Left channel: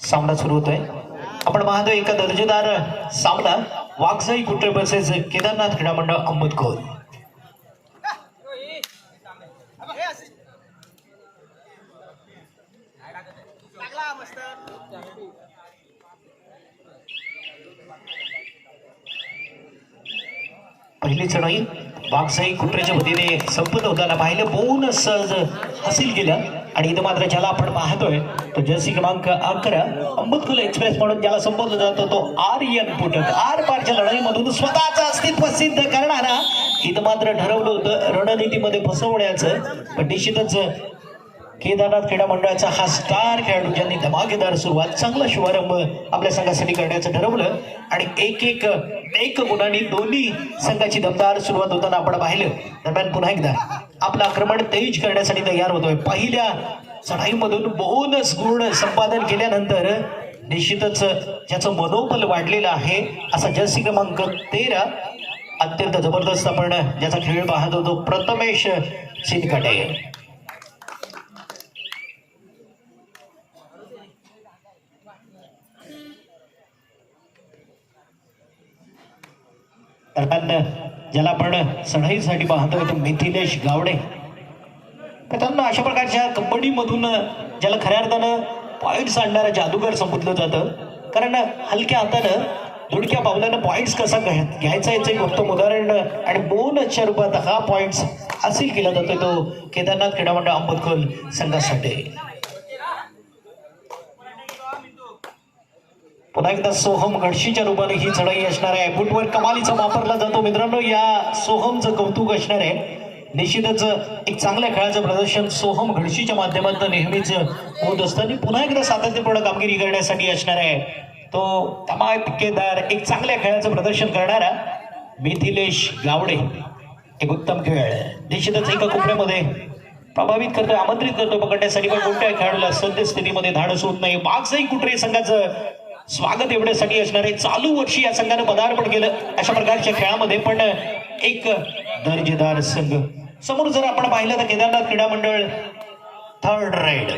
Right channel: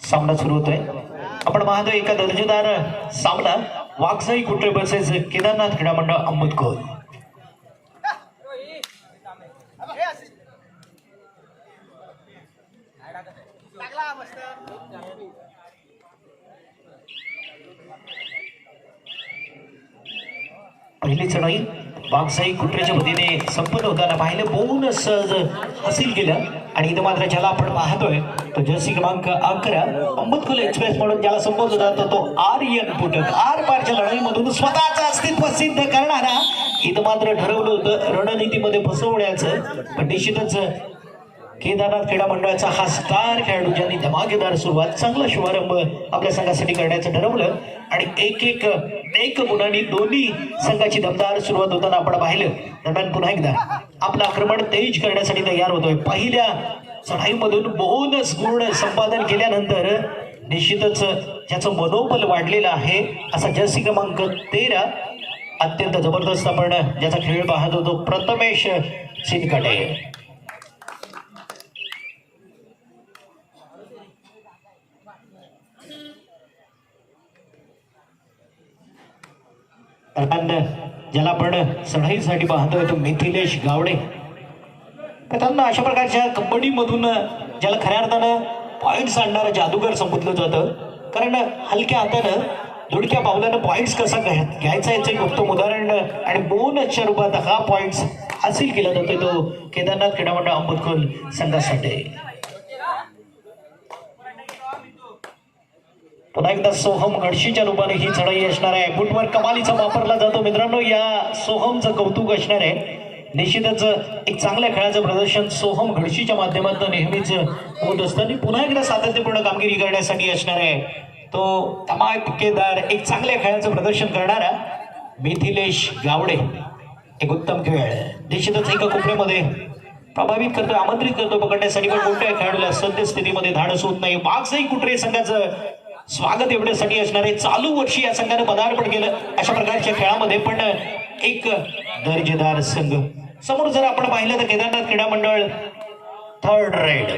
सामना सुरू होतोय. आपण पाहतो एका दर्जेदार सामना वाघजाई कुट्रे वर्सेस केदारनाथ क्रीडा मंडळ अहमदखोर. पहिली चढाई वाघजाई कुट्रेच्या वतीने संपन्न होताना पाहिलं बोन सहज हासिल केलं आणि इथं मात्र ज्याला आपण पाहतोय तो जर्सी क्रमांक 11 अहमदखोर एक्सप्रेस म्हणून ज्याला संबोधला जातो तो आर्यन पुटक आर पारच्या लढाईमधून स्वतःचं अस्तित्व सिद्ध करणारा इथं मात्र ठरवलं होतं रणनीतीमध्ये फसवण्याचं. पण निश्चितच केदारनाथ क्रीडा मंडळाचा हा स्टार खेळाडू ज्यांनी धमाकेदार सुरुवात चांगला शुभारंभ आपल्या संघासाठी करण्याचं ठरवलं आणि एक गुणांनी दोन्ही संघाची दमदार सुरुवात होताना आपण पाहिलं. दरम्यान पुन्हा एकदा आपलं आक्रमण तेज करण्यासाठी तयार होतोय. पहिल्या चढाईमधून बोनस गुण संपादन केल्यानंतर निश्चितच ज्याचं मनोबल वाढलेलं आहे असा जर्सी क्रमांक 13 अत्यंत जबरदस्त आपण ज्याचा खेळ पाहत होतो प्रथमेश चिनकाटे. ज्याला आपण चढाईसाठी पाहतोय तो मिथिलेश गावडे. त्यांना अशा प्रकारच्या कबड्डीमधून ज्याला खऱ्या अर्थानं पॉइंट्स आणणारा जादूगार संबोधलं जातं. कारण हलक्या हातानं दुडक्या पावलानं पॉइंट्स कसा घ्यायचा याचं एक उत्तम उदाहरण आणि बोनसच्या रूपात हा पॉइंट्स हासिल केला जातोय तो केदारनाथ क्रीडा मंडळ अहमदखोर संघासाठी. पुन्हा एकदा सोहम गडशीच्या रूपाने ही चढाई असणार आहे. फुटवर कमालीचा वापरला जातो मित्रांनो. या सोहमचं कौतुक असणार आहे. निश्चितच एक चांगल्या खेळाचं प्रदर्शन सोहम गडशीच्या माध्यमातून नेहमीच होत असतं. पुन्हा एकदा सातत्यपूर्ण कामगिरी करण्यासाठी असणार आहे तो धमाकेदार एक चांगल्या खेळाचं प्रदर्शन करणारा मिथिलेश गावडे. एक उत्तम खेळ निश्चितच एका कुपऱ्यामध्ये प्रभावित करतो आमंत्रित करतो पकडण्यासाठी. पण कोणत्या खेळाडूला सद्यस्थितीमध्ये धाडस होत नाही. वाघजाई कुट्रे संघाचं स्वागत एवढ्यासाठी असणार आहे. चालू वर्षी या संघानं पदार्पण केलं अशा प्रकारच्या खेळामध्ये. पण एक दर्जेदार संघ समोर जर आपण पाहिलं तर केदारनाथ क्रीडा मंडळ third ride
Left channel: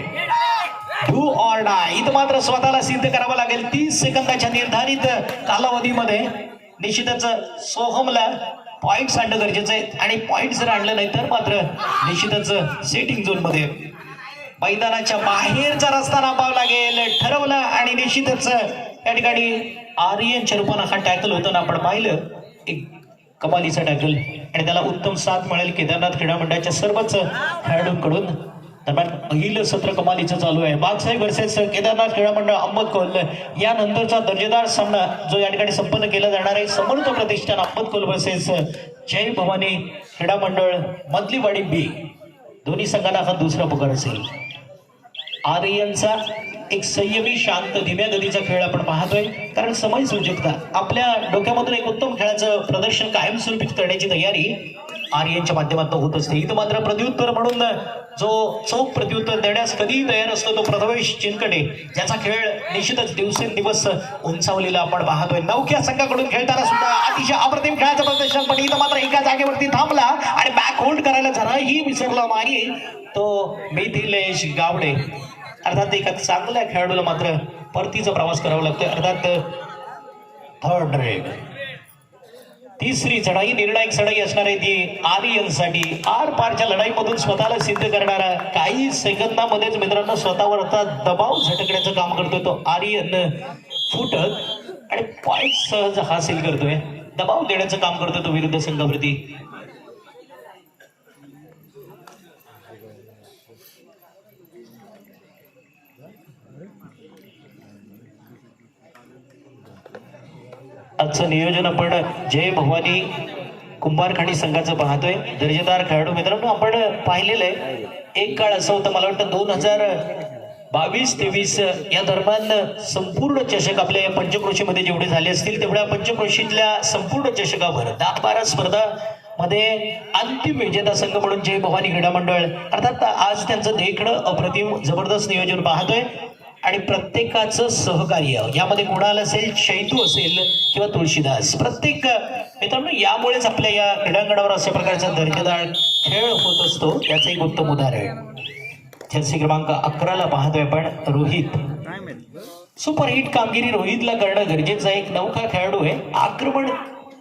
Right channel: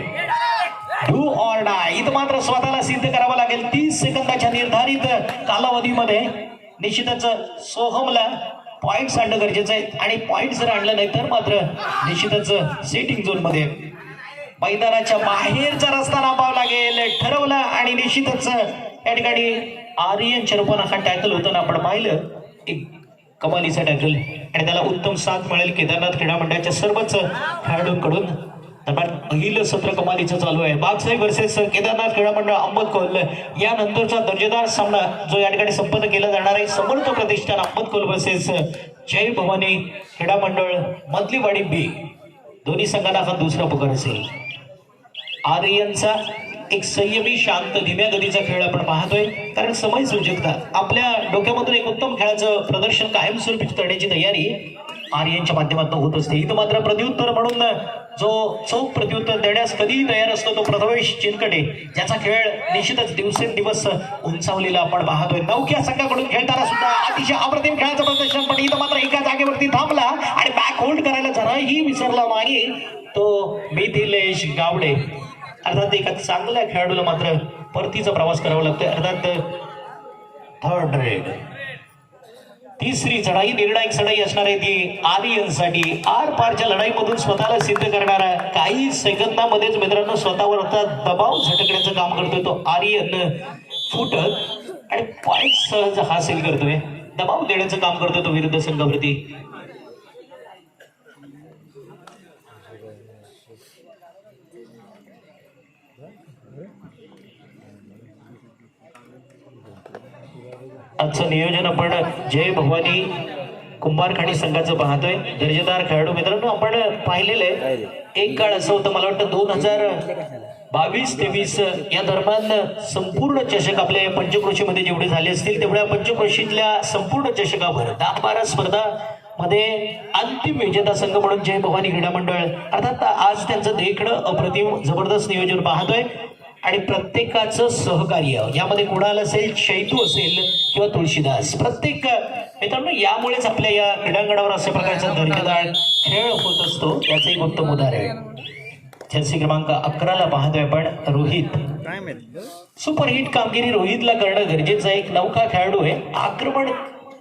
do or die इथं मात्र स्वतःला सिद्ध करावं लागेल. 30 सेकंदाच्या निर्धारित कालावधीमध्ये निश्चितच सोहमला पॉइंट्स आणणं गरजेचं आहे आणि पॉइंट जर आणलं नाही तर मात्र निश्चितच सेटिंग झोन मध्ये मैदानाच्या बाहेरचा रस्ता नापावा लागेल ठरवलं. आणि निश्चितच या ठिकाणी आर्यनच्या रूपानं हा टॅकल होताना आपण पाहिलं एक कमालीचा टॅकल आणि त्याला उत्तम साथ मिळेल केदारनाथ क्रीडा मंडळाच्या सर्वच खेळाडूंकडून. दरम्यान पहिलं सत्र कमालीचं चालू आहे. वाघजाई वर्सेस केदारनाथ क्रीडा मंडळ अहमदखोर यानंतरचा दर्जेदार सामना जो या ठिकाणी संपन्न केला जाणार आहे समर्थ प्रतिष्ठान अहमदखोर वर्सेस जय भवानी क्रीडा मंडळ मधलीवाडी बी. दोन्ही संघांना हा दुसरा पुकार असेल. आर्यनचा एक संयमी शांत धीम्या गतीचा खेळ आपण पाहतोय. कारण समय सूचकता आपल्या डोक्यामधून एक उत्तम खेळाचं प्रदर्शन कायमस्वरूपी करण्याची तयारी आर्यनच्या माध्यमातून होत असते. इथं मात्र प्रत्युत्तर म्हणून जो चौक प्रत्युत्तर देण्यास कधीही तयार असतो तो प्रथमेश चिनकडे ज्याचा खेळ निश्चितच दिवसेंदिवस उंचावलेला आपण पाहतोय. नौक्या संघाकडून खेळताना सुद्धा अतिशय अप्रतिम खेळाचं प्रदर्शन. पण इथं मात्र एका जागेवरती थांबला आणि बॅक होल्ड करायला जराही विसरला नाही तो मिथिलेश गावडे. अर्थात एका चांगल्या खेळाडूला मात्र परतीचा प्रवास करावा लागतोय. अर्थात थर्ड रेड तिसरी चढाई निर्णायक चढाई असणार आहे ती आर्यनसाठी. आर पारच्या लढाईमधून स्वतःला सिद्ध करणारा काही सेकंदामध्येच मित्रांनो स्वतःवरचा दबाव झटकण्याचं काम करतोय तो आर्यन फुटक आणि पॉइंट सहज हासिल करतोय. दबाव देण्याचं काम करतोय तो विरुद्ध संघावरती. आजचं नियोजन आपण जय भवानी कुंभारखाणी संघाचं पाहतोय. दर्जेदार खेळाडू मित्रांनो आपण पाहिलेलं आहे. एक काळ असं होतं मला वाटतं 2022-23 या दरम्यान संपूर्ण चषक आपल्या पंचक्रोशीमध्ये जेवढे झाले असतील तेवढ्या पंचक्रोशीतल्या संपूर्ण चषकावर 10-12 स्पर्धा मध्ये अंतिम विजेता संघ म्हणून जय भवानी क्रीडा मंडळ अर्थात आज त्यांचं देखणं अप्रतिम जबरदस्त नियोजन पाहतोय. आणि प्रत्येकाचं सहकार्य यामध्ये कुणाल असेल शैतू असेल किंवा तुळशीदास प्रत्येक मित्रांनो यामुळेच आपल्या या क्रीडांगणावर अशा प्रकारचा दर्जेदार खेळ होत असतो. याचं एक उत्तम उदाहरण जर्सी क्रमांक 11 पाहतोय आपण रोहित. सुपर हिट कामगिरी रोहितला करणं गरजेचं आहे. एक नौका खेळाडू आहे, आक्रमण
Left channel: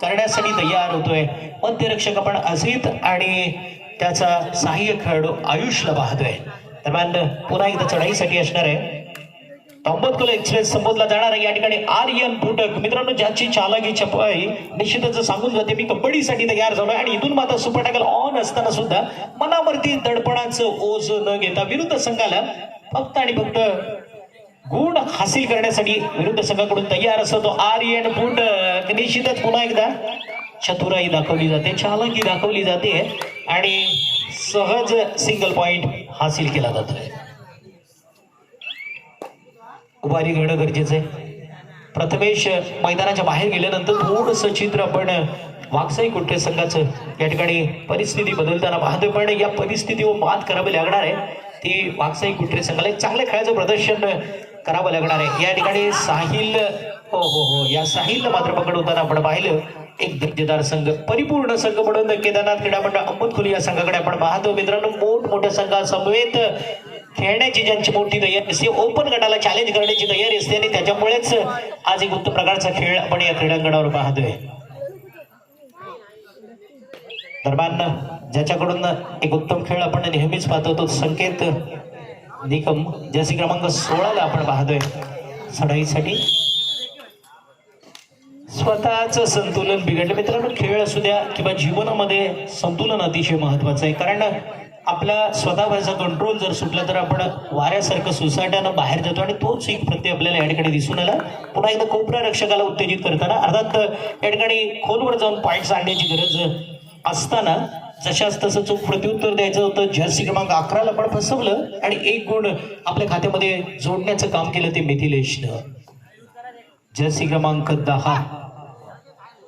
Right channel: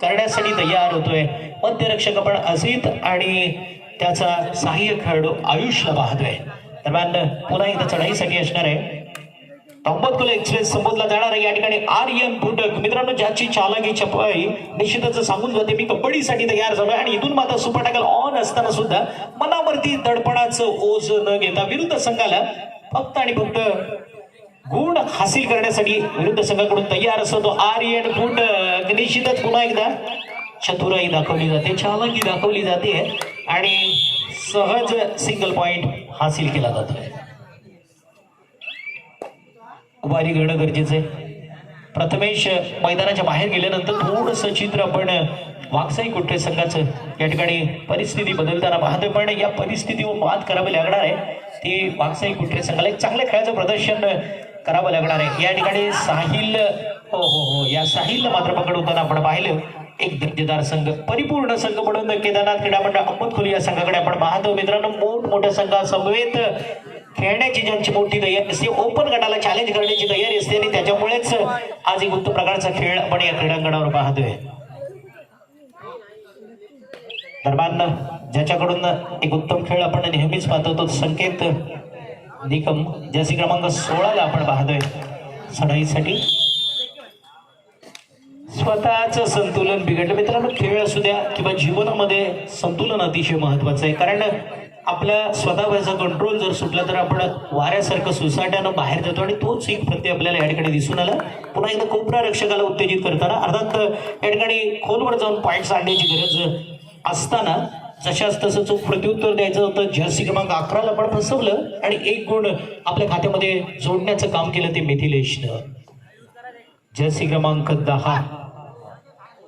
करण्यासाठी तयार होतोय. मध्यरक्षक आपण अजित आणि त्याचा सहाय्यक खेळाडू आयुषला पाहतोय. दरम्यान पुन्हा एकदा चढाईसाठी असणार आहे. अहमदकुल एक्सप्रेस संबोधला जाणार आहे या ठिकाणी आर्यन फुटक. मित्रांनो, ज्याची चालाकी चपळाई निश्चितच सांगून जाते मी कबड्डीसाठी तयार झालोय आणि इथून मात्र सुपर टॅकल ऑन असताना सुद्धा मनावरती दडपणाचं ओझ न घेता विरुद्ध संघाला फक्त आणि फक्त गुण हासिल करण्यासाठी विरुद्ध संघाकडून तयार असतो तो आर्यन फुटक. निश्चितच पुन्हा एकदा चतुराई दाखवली जाते, चालाकी दाखवली जाते आणि सहज सिंगल पॉइंट हासिल केला जातो. उभारी घेणं गरजेचं आहे. प्रथमेश मैदानाच्या बाहेर गेल्यानंतर थोडंसं चित्र आपण वाकसाई कुट्रे संघाचं या ठिकाणी परिस्थिती बदलताना पाहतोय. पण या परिस्थितीवर मात करावी लागणार आहे ती वाकसाई कुट्रे संघाला. एक चांगल्या खेळाचं प्रदर्शन करावं लागणार आहे या ठिकाणी. साहिल हो या साहिलला मात्र पकडवताना आपण पाहिलं. एक दर्जेदार संघ, परिपूर्ण संघ म्हणून केदारनाथ क्रीडा मंडळ अहमदकुल या संघाकडे आपण पाहतो. मित्रांनो, मोठमोठ्या संघासमवेत खेळण्याची ज्यांची मोठी तयारी असते, ओपन गटाला चॅलेंज करण्याची तयारी असते आणि त्याच्यामुळेच आज एक उत्तम प्रकारचा खेळ आपण या क्रीडांगणावर पाहतोय. दरम्यान ज्याच्याकडून एक उत्तम खेळ आपण नेहमीच पाहतो तो संकेत निकम, जर्सी क्रमांक 16 आपण पाहतोय. चढाईसाठी स्वतःच संतुलन बिघडलं. मित्रांनो, खेळ असू द्या किंवा जीवनामध्ये संतुलन अतिशय महत्वाचं आहे. कारण आपला स्वतःवरचा कंट्रोल जर सुटला तर आपण वाऱ्यासारखं सुसाट्यानं बाहेर जातो आणि तोच एक प्रत्यय आपल्याला या ठिकाणी दिसून आला. पुन्हा एकदा कोपरा रक्षकाला उत्तेजित करताना अर्थात या ठिकाणी खोलवर जाऊन पॉईंट्स आणण्याची गरज असताना जशाच तसं चूक प्रत्युत्तर द्यायचं होतं. जर्सी क्रमांक 11 पण फसवलं आणि एक गुण आपल्या खात्यामध्ये जोडण्याचं काम केलं ते मिथिलेशनं. जर्सी क्रमांक 10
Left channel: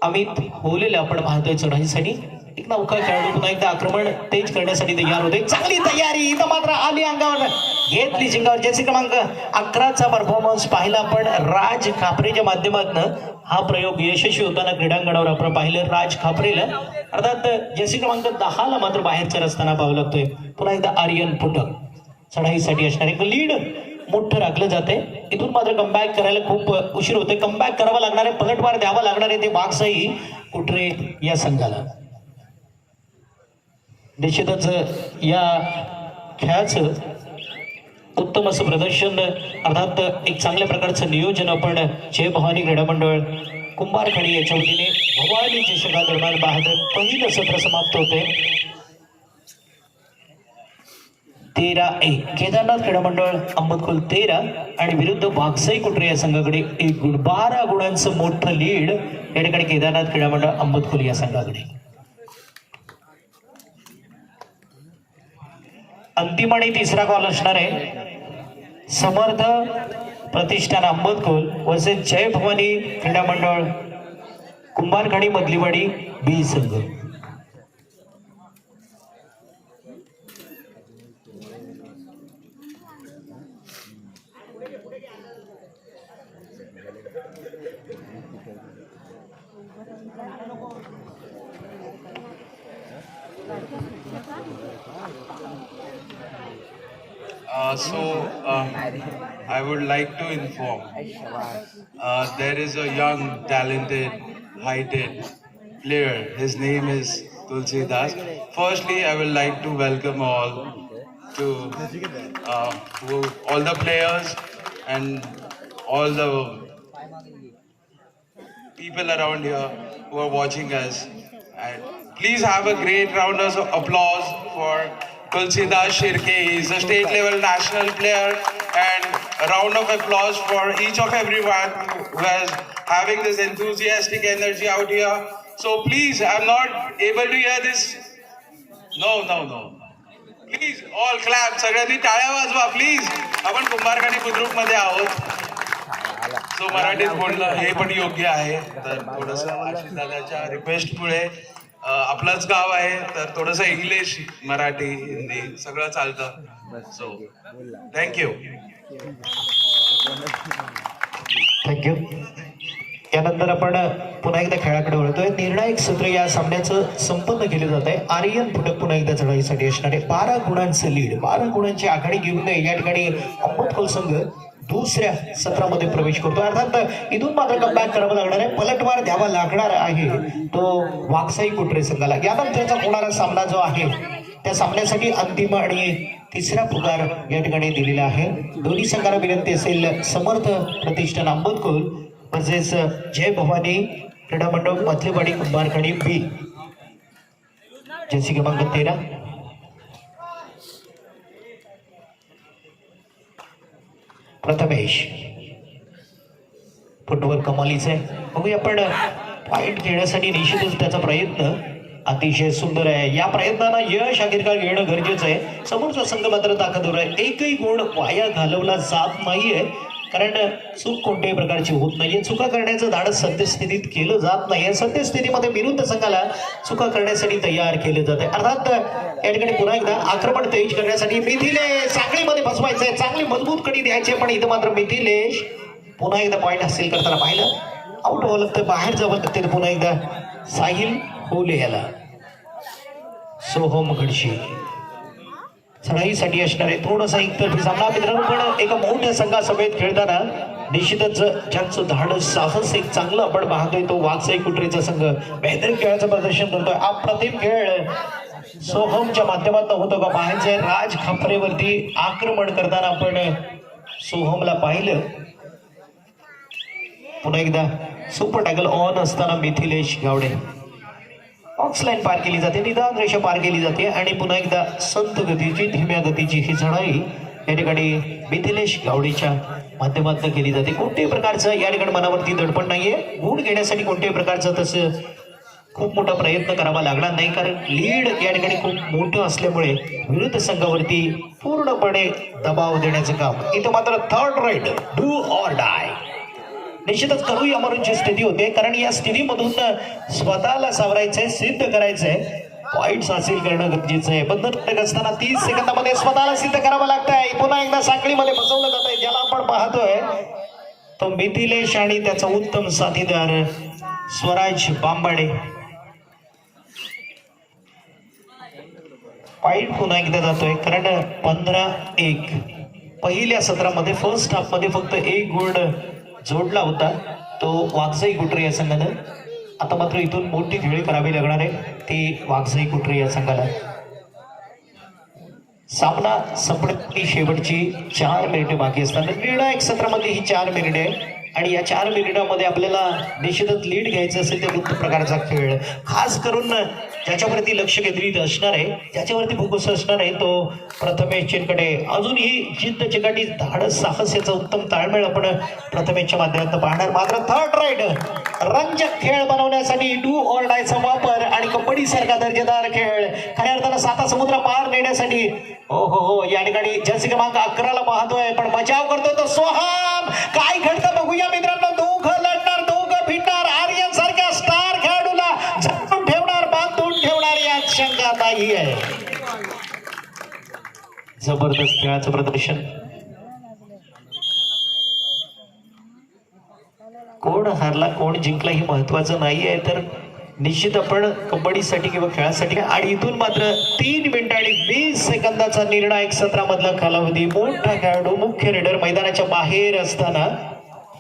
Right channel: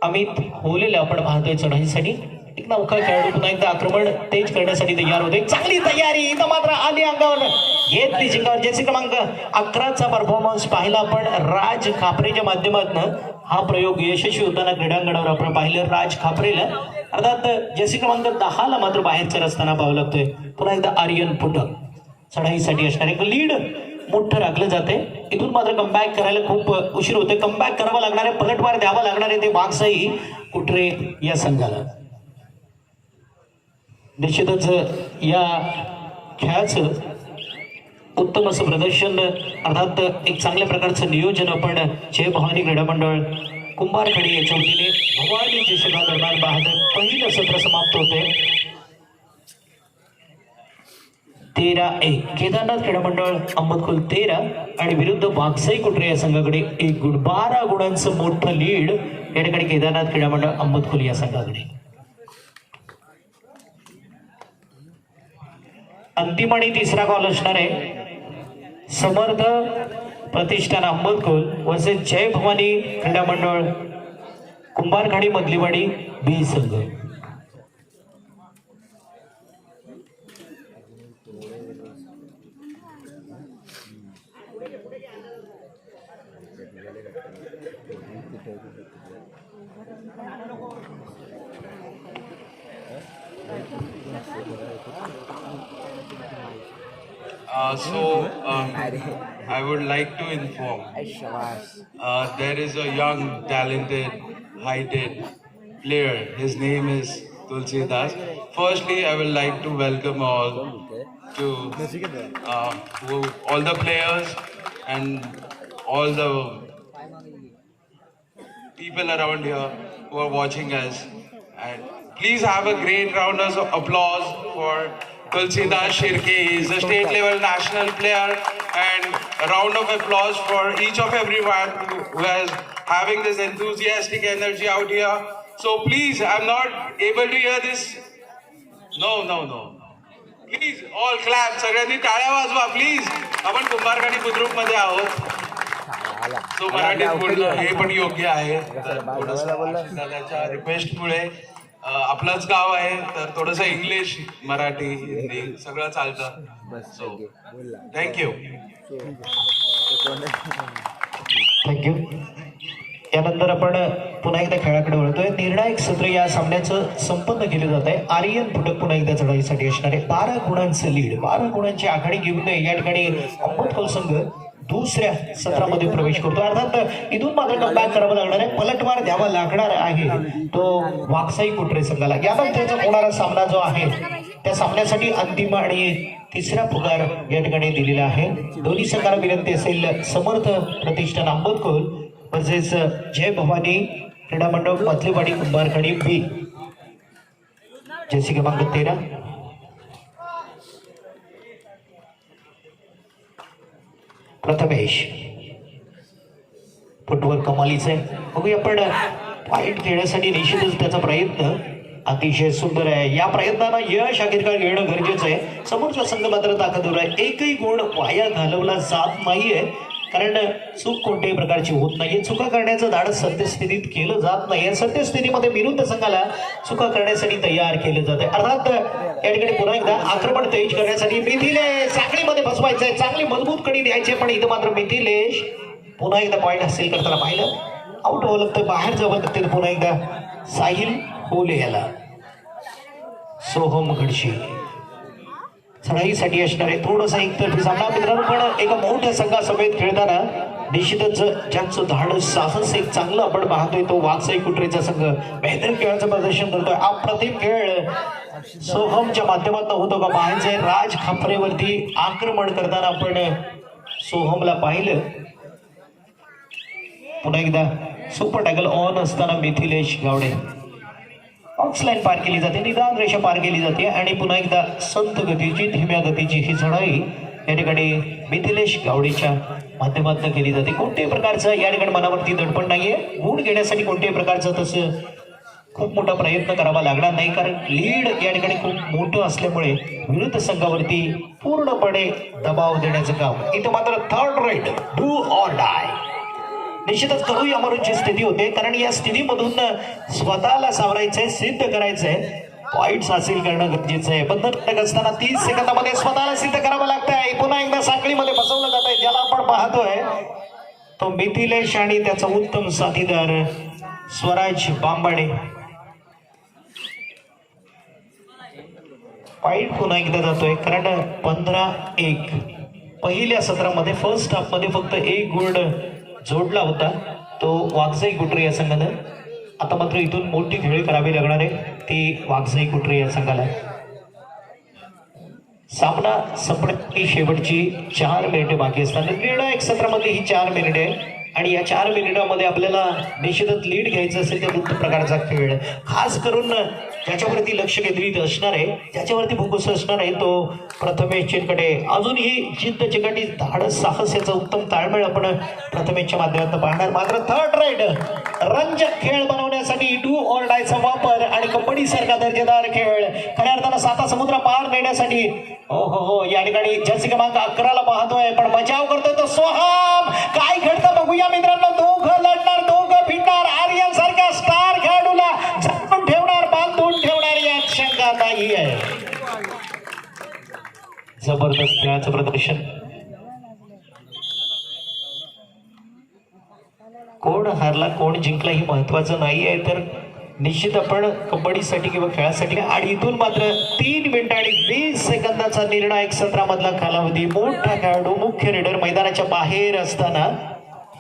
अमित होलेला आपण पाहतोय चढाईसाठी. एक नौका खेळाडू पुन्हा एकदा आक्रमण तेज करण्यासाठी तयार होते. चांगली तयारी इथं मात्र आली अंगावर घेतली जिंकावर. जर्सी क्रमांक 11चा परफॉर्मन्स पाहिला आपण राज खापरेच्या माध्यमातून. हा प्रयोग यशस्वी होताना क्रीडांगणावर आपण पाहिलं राज खापरेला. अर्थात जर्सी क्रमांक 10ला मात्र बाहेरचा रस्ताना पाहावं लागतोय. पुन्हा एकदा आर्यन फुटक चढाईसाठी असणार. एक लीड मोठं राखलं जाते. इथून मात्र कमबॅक करायला खूप उशीर होते. कमबॅक करावा लागणार आहे, पलटवार द्यावा लागणार आहे ते वाकसाई कुट्रे या संघाला. निश्चितच या खेळाचं उत्तम असं प्रदर्शन, अर्थात एक चांगल्या प्रकारचं नियोजन आपण जय भवानी क्रीडा मंडळ कुंभारखडी याच्या वतीने भवानी चषका दरम्यान पाहतो. पहिलं सत्र समाप्त होते 13-1. केदारनाथ क्रीडा मंडळ अहमदकुल 13 आणि विरुद्ध वाकसाई कुट्रे या संघाकडे 1 गुण. 12 गुणांचं मोठं लीड या ठिकाणी केदारनाथ क्रीडा मंडळ अहमदकुल या संघाकडे. अंतिम आणि तिसरा कॉल असणार आहे समर्थ प्रतिष्ठान अहमदकुल वर्सेस जय भवानी क्रीडा मंडळ कुंभारखडी मधलीवाडी बी संघ. I would like to inform there is a young, talented, heighted player. His name is Tulsi Das. Firstly, I would like to welcome all to all the players and all the people around here who are watching us. And please have a great round of applause for Tulsidas Shirke. He is a state level national player, and a round of applause for each of everyone who is having this enthusiastic energy out here. So please, I'm not able to hear this. No. Please all clap. सगळ्यांनी टाळ्या वाजवा please. आपण कुंभारखडी बुद्रुक मध्ये आहोत. So मराठीत बोलणं हे पण योग्य आहे. तर थोडंसं आशिष दादाच्या रिक्वेस्टमुळे आपलंच गाव आहे तर थोडंसं इंग्लिश मराठी हिंदी सगळं चालतं. So thank you. यानंतर आपण पुन्हा एकदा खेळाकडे वळतोय. निर्णायक सत्र या सामन्याचं संपन्न केलं जात आहे. आर्यन फुटक पुन्हा एकदा चढाईसाठी असणारे 12 गुणांचं लीड, 12 गुणांची आघाडी घेऊन या ठिकाणी अमृतकोल संघ दुसऱ्या सत्रामध्ये प्रवेश करतो. अर्थात इथून मात्र कमबॅक करावं लागणार आहे, पलटवार द्यावा लागणार आहे तो वाकसाई कुटरे संघाला. यानंतरचा होणारा सामना जो आहे त्या सामन्यासाठी अंतिम आणि तिसरा पुकार या ठिकाणी दिलेला आहे. दोन्ही संघाला विनंती असेल समर्थ प्रतिष्ठान आंबतकोल तसेच जय भवानी क्रीडा मंडळ मधलेवाडी कुंभारखडी बी, जर्सी क्रमांक 13. प्रथमेश फुटवर कमालीच आहे. बघूया आपण पॉइंट घेण्यासाठी निश्चितच त्याचा प्रयत्न अतिशय सुंदर आहे. या प्रयत्नाला यश अखेरकार घेणं गरजेचं आहे. समोरचा संघ मात्र ताकदवर आहे. एकही गुण वाया घालवला जात नाहीये, कारण चूक कोणत्याही प्रकारची होत नाहीये. चुका करण्याचं धाडस सद्यस्थितीत केलं जात नाहीये. सद्यस्थितीमध्ये विरुद्ध संघाला चुका करण्यासाठी तयार केलं जाते. अर्थात या ठिकाणी पुन्हा एकदा आक्रमण तेज करण्यासाठी मिथिलेश साखळीमध्ये फसवायचंय, चांगली मजबूत कडी द्यायची, पण इथं मात्र मिथिलेश पुन्हा एकदा पॉईंट हासिल करताना पाहिलं. आउट व्हावं लागतं, बाहेर जावं लागतं. पुन्हा एकदा साहिल होले याला सोहम घडशी चढाईसाठी असणारे थोडंसं एकतर्फी सामना मित्रांनो. पण एका मोठ्या संघासमेत खेळताना निश्चितच ज्यांचं धाडस साहस एक चांगलं आपण पाहतोय तो वाकसाई कुटरेचा संघ बेहतर खेळाचं प्रदर्शन करतोय. अप्रतिम खेळ सोहमच्या माध्यमातून होतो का पाहायचंय. राज खापरेवरती आक्रमण करताना आपण सोहमला पाहिलं. पुन्हा एकदा सुपर टॅकल ऑन असताना मिथिलेश गावडे बॉक्स लाईन पार केली जाते, निदान रेषा पार केली जाते आणि पुन्हा एकदा संत गतीची धीम्या गतीची ही चढाई या ठिकाणी मिथिलेश गावडेच्या माध्यमातून केली जाते. कोणत्याही प्रकारचं या ठिकाणी मनावरती दडपण नाहीये. गुण घेण्यासाठी कोणत्याही प्रकारचं तसं खूप मोठा प्रयत्न करावा लागणार नाही, कारण लीड या ठिकाणी खूप मोठं असल्यामुळे विरुद्ध संघावरती पूर्णपणे दबाव देण्याचं काम इथं मात्र third ride do or die निश्चितच करू या मरूनची स्थिती होते, कारण या स्थितीमधून स्वतःला सावरायचंय, सिद्ध करायचंय, पॉइंट्स हासिल करणं गरजेचं आहे. बंधनकारक असताना 30 सेकंदामध्ये स्वतःला सिद्ध करावं लागतंय. पुन्हा एकदा साखळीमध्ये फसवलं जात आहे. ज्याला आपण पाहतोय तो मिथिलेश आणि त्याचा उत्तम साथीदार स्वराज बांबाडे. पॉइंट पुन्हा एकदा जातोय, कारण 15-1 पहिल्या सत्रामध्ये फर्स्ट हाफ मध्ये फक्त 1 गुण जोडला होता तो वाकसाई कुटरे या संघानं. आता मात्र इथून मोठी खेळी करावी लागणार आहे ती वाकसाई कुटरे या संघाला. सामना संपण्याची शेवटची 4 मिनिटे बाकी असतात. निर्णायक सत्रामध्ये ही 4 मिनिटे आणि या 4 मिनिटांमध्ये आपल्याला निश्चितच लीड घ्यायचं असेल तर कोणत्या प्रकारचा खेळ खास करून ज्याच्यावरती लक्ष केंद्रित असणार आहे, ज्याच्यावरती फोकस असणार आहे तो प्रथमेश चिरकडे. अजूनही जिद्द चिकाटी धाडस साहस याचा उत्तम ताळमेळ आपण प्रथमेशच्या माध्यमातून पाहणार. मात्र थर्ड राईड रंजक खेळ बनवण्यासाठी डू ऑर डायचा वापर आणि कबड्डी सारखा दर्जेदार खेळ खऱ्या अर्थानं 7 समुद्र पार नेण्यासाठी हो या ठिकाणी जर्सी क्रमांक 11 ला पाहतोय, पण बचाव करतोय तो सोहम. काय घडतं बघूया मित्रांनो. दोघं लढणार, दोघं भिडणार. आर्यन सारख्या स्टार खेळाडूला झटकून ठेवणार, बांधून ठेवणार यात शंका नाही आहे. जबरदस्त खेळाचं प्रदर्शन. कोण हारला कोण जिंकला हे महत्वाचं नाही आहे, तर निश्चित आपण कबड्डीसाठी किंवा खेळासाठी. आणि इथून मात्र 3 मिनिटं आणि 20 सेकंदाचा निर्णायक सत्रामधला कालावधी. मोठा खेळाडू मुख्य रेडर मैदानाच्या बाहेर असताना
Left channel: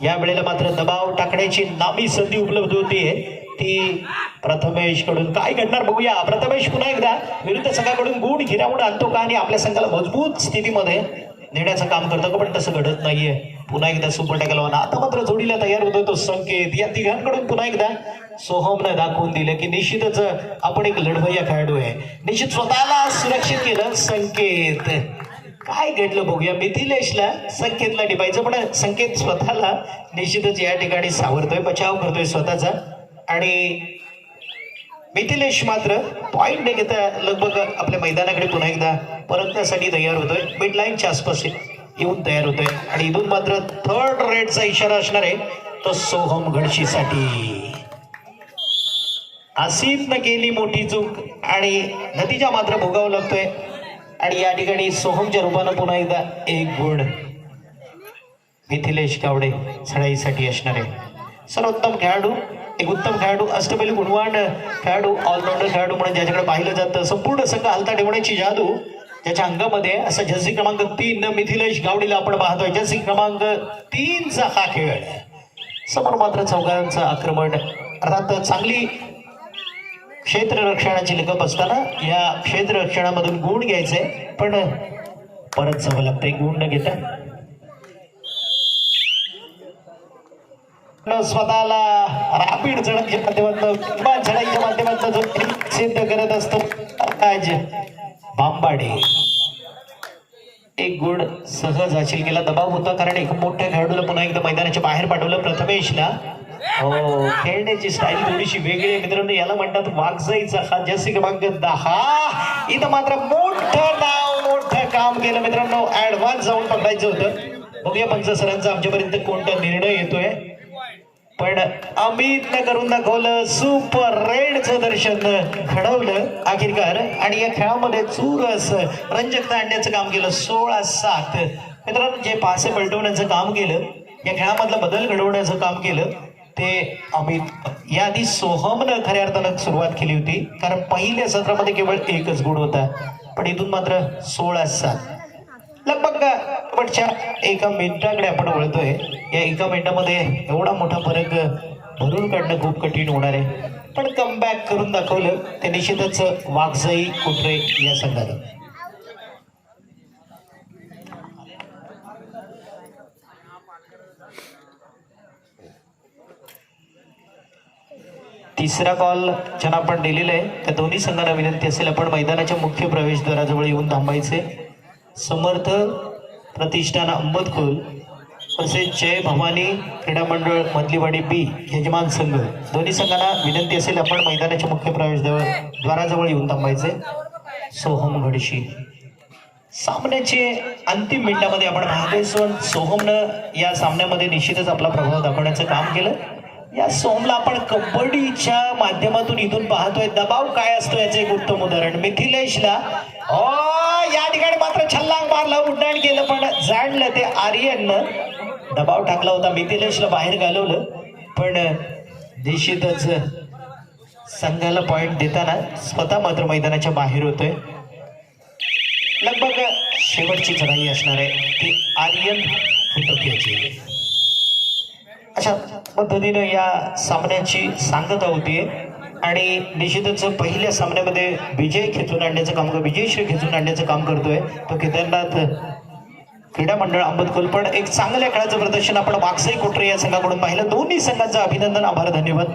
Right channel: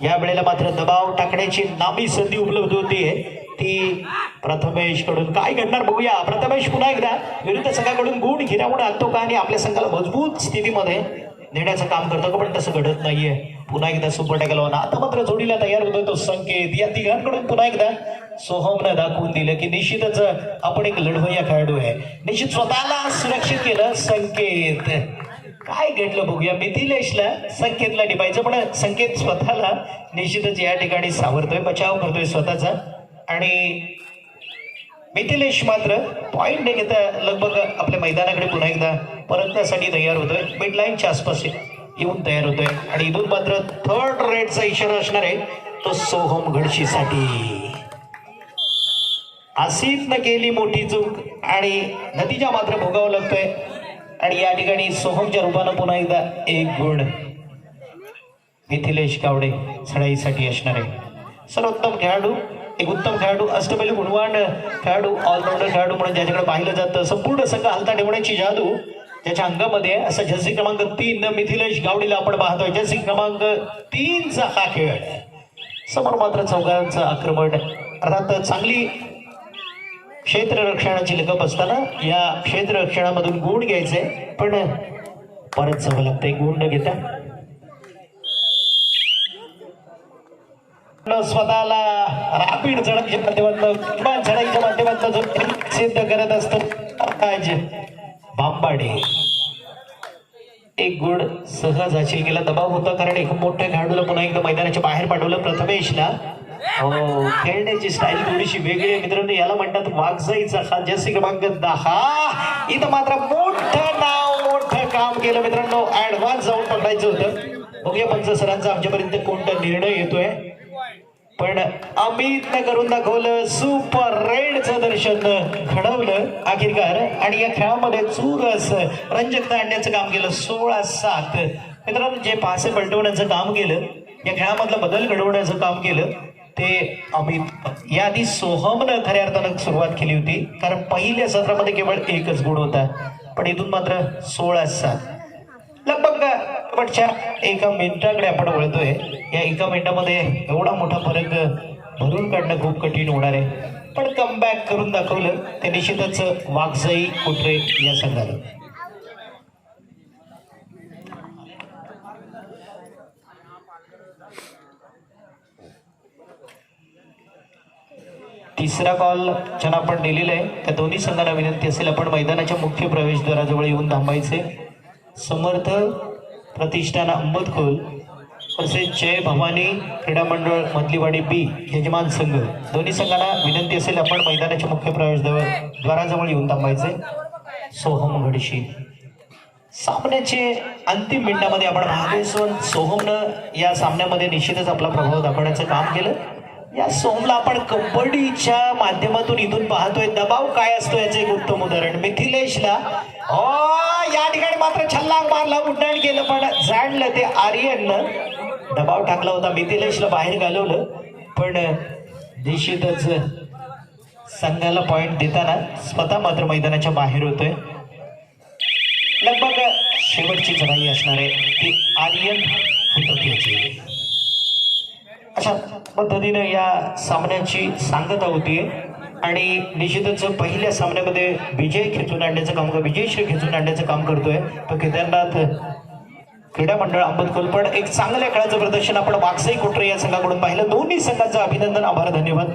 या वेळेला मात्र दबाव टाकण्याची नामी संधी उपलब्ध होतीये ती प्रथमेश कडून. काय घडणार बघूया. प्रथमेश पुन्हा एकदा विरुद्ध संघाकडून गुण हिरावून आणतो का आणि आपल्या संघाला मजबूत स्थितीमध्ये नेण्याचं काम करतो का, पण तसं घडत नाहीये. पुन्हा एकदा सुपर टॅकल होणार. आता मात्र जोडीला तयार होतो तो संकेत. या तिघांकडून पुन्हा एकदा सोहमने दाखवून दिलं की निश्चितच आपण एक लढवय्या खेळाडू आहे. निश्चित स्वतःला सुरक्षित केलं संकेत. काय घडलं बघूया. मिथिलेशला संकेतला टिपायचं, पण संकेत स्वतःला निश्चितच या ठिकाणी सावरतोय, बचाव करतोय स्वतःचा. आणि मिथिलेश मात्र पॉइंट न घेता लगभग आपल्या मैदानाकडे पुन्हा एकदा परतण्यासाठी तयार होतोय. मिड लाईनच्या आसपास येऊन तयार होतोय आणि इथून मात्र थर्ड रेडचा इशारा असणार आहे तो सोहम घडशीसाठी. आसिफनं केली मोठी चूक आणि नतीजा मात्र भोगावा लागतोय आणि या ठिकाणी सोहमच्या रूपानं पुन्हा एकदा 1 गुण मिथिलेश गावडे चढाईसाठी असणार आहे. सर्वोत्तम खेळाडू, एक उत्तम खेळाडू, अष्टपैलू गुणवान खेळाडू, ऑलराऊंडर खेळाडू म्हणून ज्याच्याकडे पाहिलं जातं, संपूर्ण संघ हलता ठेवण्याची जादू त्याच्या अंगामध्ये असं जर्सी क्रमांक 3 मिथिलेश गावडीला आपण पाहतोय. जर्सी क्रमांक 3चा हा खेळ. समोर मात्र चौघांचं आक्रमण. अर्थात चांगली क्षेत्ररक्षणाची लगप असताना या क्षेत्ररक्षणामधून गुण घ्यायचंय, पण परत जावं लागतंय गुण न घेता. स्वतःला रापीड झडपच्या माध्यमातून किंवा झडपच्या माध्यमातून जो सिद्ध करत असतो आज बांबाडे. एक गुण सहज हासिल केला. दबाव होता कारण एक मोठ्या खेळाडूला पुन्हा एकदा मैदानाच्या बाहेर पाठवलं प्रथमेशला. हो, खेळण्याची स्टाईल थोडीशी वेगळी आहे मित्रांनो. याला म्हणतात वाघजाईचा हा. जर्सी क्रमांक 10 इथं मात्र मोठं नाव मोठं काम केलं मित्रांनो. ऍडव्हान्स जाऊन पकडायचं होतं. बघूया पंच सरांचा आमच्यापर्यंत कोणता निर्णय येतोय, पण अमितने करून दाखवलं. सुपर रेडचं दर्शन घडवलं अखेरकार आणि या खेळामध्ये चुरस रंजकता आणण्याचं काम केलं. 16-7 मित्रांनो, जे पासे पलटवण्याचं काम केलं, या खेळामधला बदल घडवण्याचं काम केलं ते अमित. याआधी सोहमनं खऱ्या अर्थानं सुरुवात केली होती, कारण पहिल्या सत्रामध्ये केवळ एकच गुण होता, पण इथून मात्र 16-7. लगभग शेवटच्या एका मिनिटाकडे आपण वळतोय. या एका मिनिटामध्ये एवढा मोठा फरक भरून काढणं खूप कठीण होणार आहे, पण कमबॅक करून दाखवलं ते निश्चितच वाघजाई कुत्रे या संघाला. तिसरा कॉल ज्यांना आपण दिलेला आहे त्या दोन्ही संघांना विनंती असेल आपण मैदानाच्या मुख्य प्रवेशद्वाराजवळ येऊन थांबायचे. समर्थ प्रतिष्ठान अंबदखोल तसेच जय भवानी क्रीडा मंडळ मधलीवाडी बी यजमान संघ दोन्ही संघांना विनंती असेल आपण मैदानाच्या मुख्य प्रवेशद्वाराजवळ येऊन थांबायचे. सोहम घडशी सामन्याचे अंतिम मिनिटामध्ये आपण पाहतोय सोहमनं या सामन्यामध्ये निश्चितच आपला प्रभाव दाखवण्याचं काम केलं. या सोहमला आपण कबड्डीच्या माध्यमातून इथून पाहतोय. दबाव काय असतो याचं एक उत्तम उदाहरण. मिथिलेशला या ठिकाणी मात्र छल्लांग मारला, उड्डाण केलं, पण जाणलं ते आर्यननं. दबाव टाकला होता, मिथिलेशला बाहेर घालवलं, पण निश्चितच संघाला पॉइंट देताना स्वतः मात्र मैदानाच्या बाहेर होतोय. लगभग शेवटची चढाई असणार आहे ती आर्यन हुटपियाची. अशा पद्धतीने या सामन्याची सांगता होतीये आणि निश्चितच पहिल्या सामन्यामध्ये विजय खेचून आणण्याचं काम, विजयश्री खेचून आणण्याचं काम करतोय तो केदारनाथ क्रीडा मंडळ अंबदखोल. पण एक चांगल्या खेळाचं प्रदर्शन आपण वाघजाई कोटरे या संघाकडून पाहिलं. दोन्ही संघांचं अभिनंदन, आभार, धन्यवाद.